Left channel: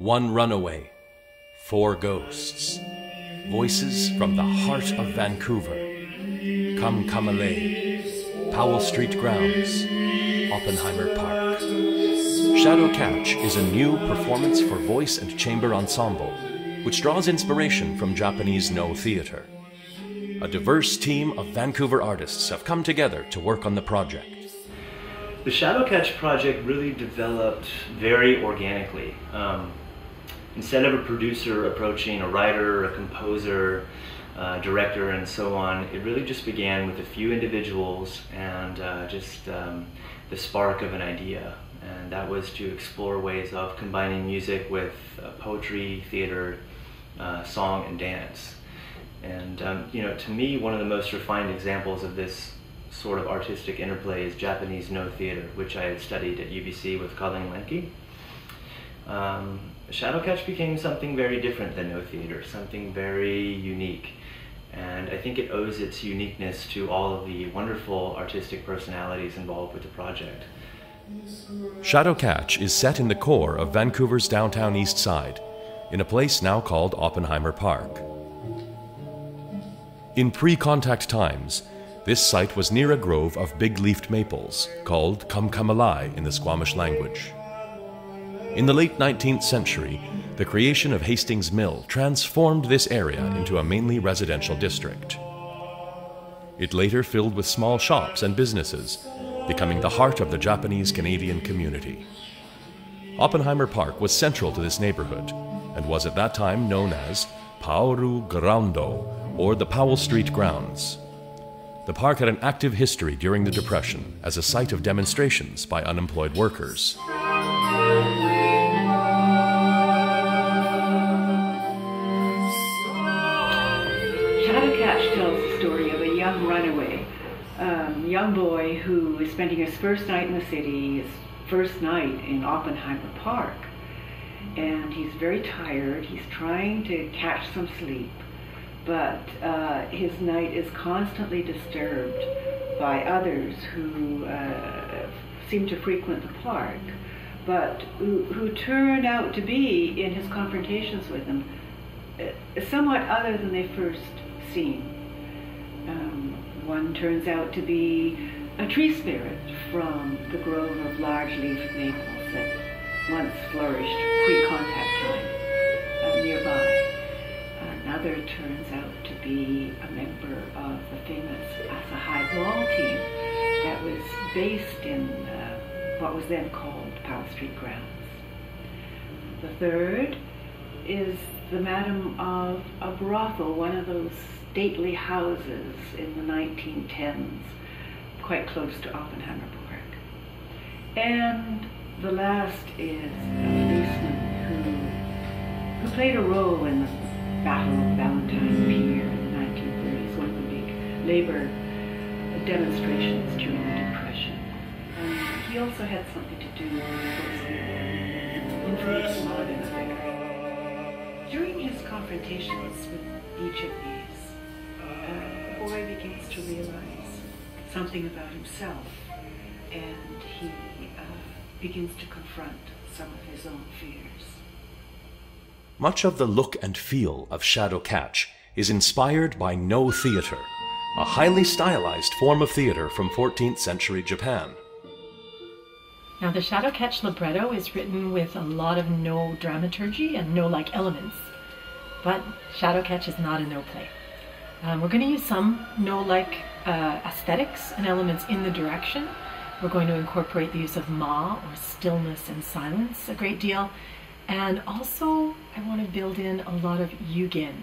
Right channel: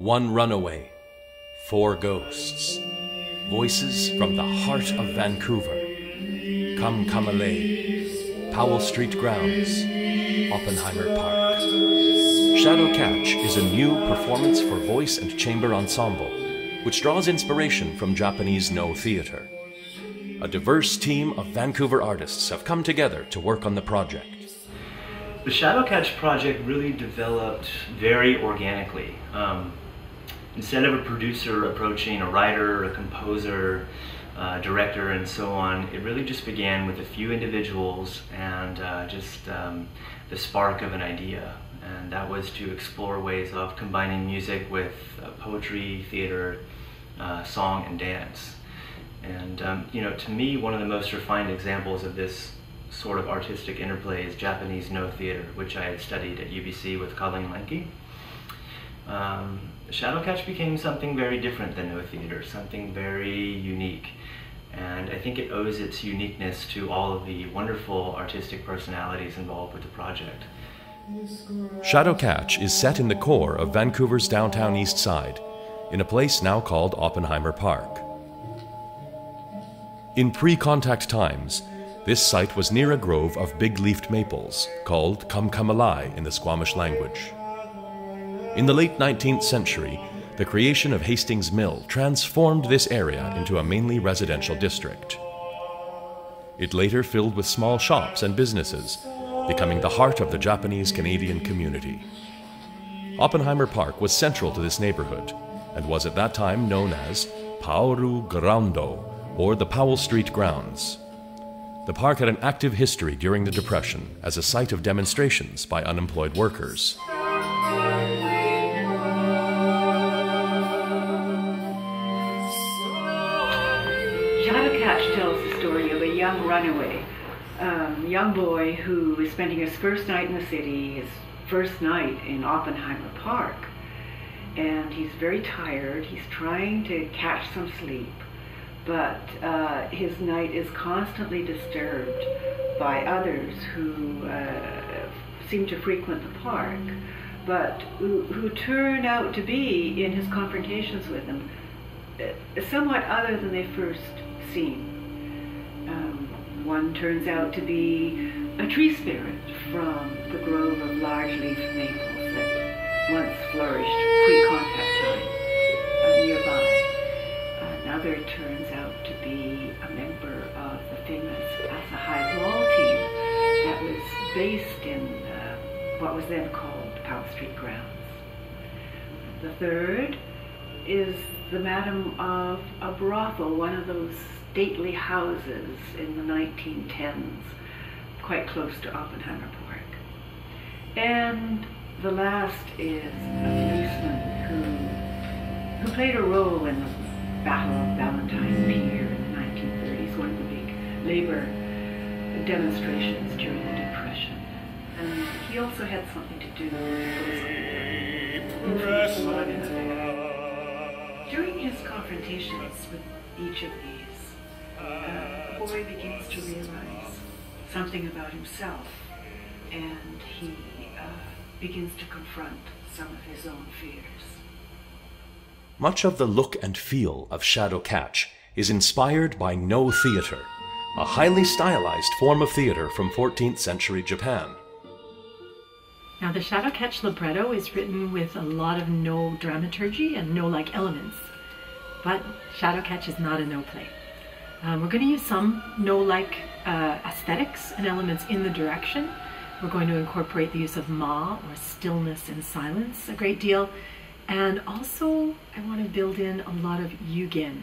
One runaway, four ghosts, voices from the heart of Vancouver. Come Kamalei, Powell Street grounds, Oppenheimer Park. Shadow Catch is a new performance for voice and chamber ensemble, which draws inspiration from Japanese Noh theatre. A diverse team of Vancouver artists have come together to work on the project. The Shadow Catch project really developed very organically. Instead of a producer approaching a writer, a composer, director, and so on, it really just began with a few individuals and the spark of an idea. And that was to explore ways of combining music with poetry, theater, song, and dance. And you know, to me, one of the most refined examples of this sort of artistic interplay is Japanese Noh theater, which I had studied at UBC with Colleen Lanki. Shadow Catch became something very different than Noh theater, something very unique. And I think it owes its uniqueness to all of the wonderful artistic personalities involved with the project. Shadow Catch is set in the core of Vancouver's downtown Eastside, in a place now called Oppenheimer Park. In pre-contact times, this site was near a grove of big-leafed maples, called Kamkamalai in the Squamish language. In the late 19th century, the creation of Hastings Mill transformed this area into a mainly residential district. It later filled with small shops and businesses, becoming the heart of the Japanese-Canadian community. Oppenheimer Park was central to this neighborhood and was at that time known as Paoru Groundo, or the Powell Street grounds. The park had an active history during the Depression as a site of demonstrations by unemployed workers. Shadow Catch tells the story of a young runaway, young boy who is spending his first night in the city, his first night in Oppenheimer Park. And he's very tired, he's trying to catch some sleep, but his night is constantly disturbed by others who seem to frequent the park, but who turn out to be, in his confrontations with him, somewhat other than they first seem. One turns out to be a tree spirit from the grove of large-leafed maples that once flourished pre-contact time nearby. Another turns out to be a member of the famous Asahi ball team that was based in what was then called Powell Street grounds. The third is the madam of a brothel, one of those stately houses in the 1910s, quite close to Oppenheimer Park. And the last is a policeman who played a role in the Battle of Valentine Pier in the 1930s, one of the big labor demonstrations during the Depression. And he also had something to do with the post-war infamous Modern affair. During his confrontations with each of these, the boy begins to realize something about himself, and he begins to confront some of his own fears. Much of the look and feel of Shadow Catch is inspired by Noh theater, a highly stylized form of theater from 14th century Japan. Now, the Shadow Catch libretto is written with a lot of Noh dramaturgy and Noh-like elements, but Shadow Catch is not a Noh play. We're going to use some Noh-like aesthetics and elements in the direction. We're going to incorporate the use of ma, or stillness and silence, a great deal. And also, I want to build in a lot of yugen,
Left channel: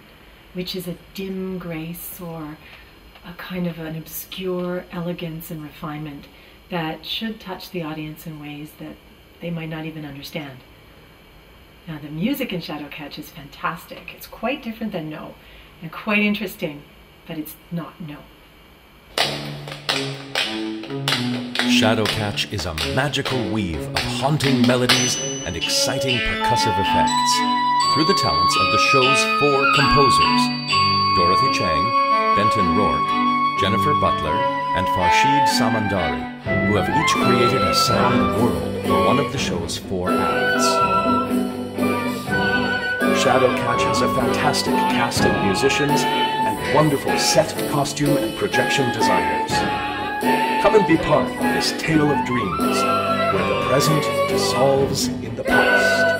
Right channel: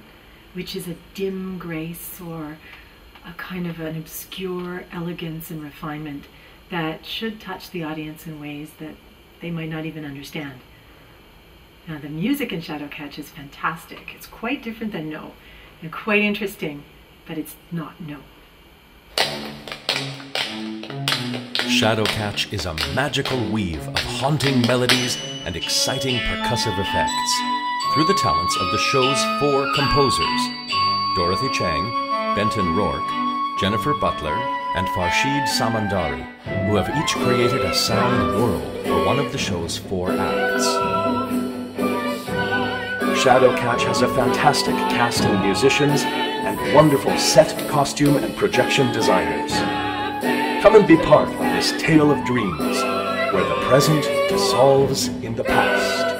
which is a dim grace or a kind of an obscure elegance and refinement that should touch the audience in ways that they might not even understand. Now, the music in Shadow Catch is fantastic. It's quite different than Noh, and quite interesting, but it's not Noh. Shadow Catch is a magical weave of haunting melodies and exciting percussive effects through the talents of the show's four composers, Dorothy Chang, Benton Roark, Jennifer Butler, and Farshid Samandari, who have each created a sound world for one of the show's four acts. Shadowcatch has a fantastic cast and musicians and wonderful set, costume, and projection designers. Come and be part of this tale of dreams, where the present dissolves in the past.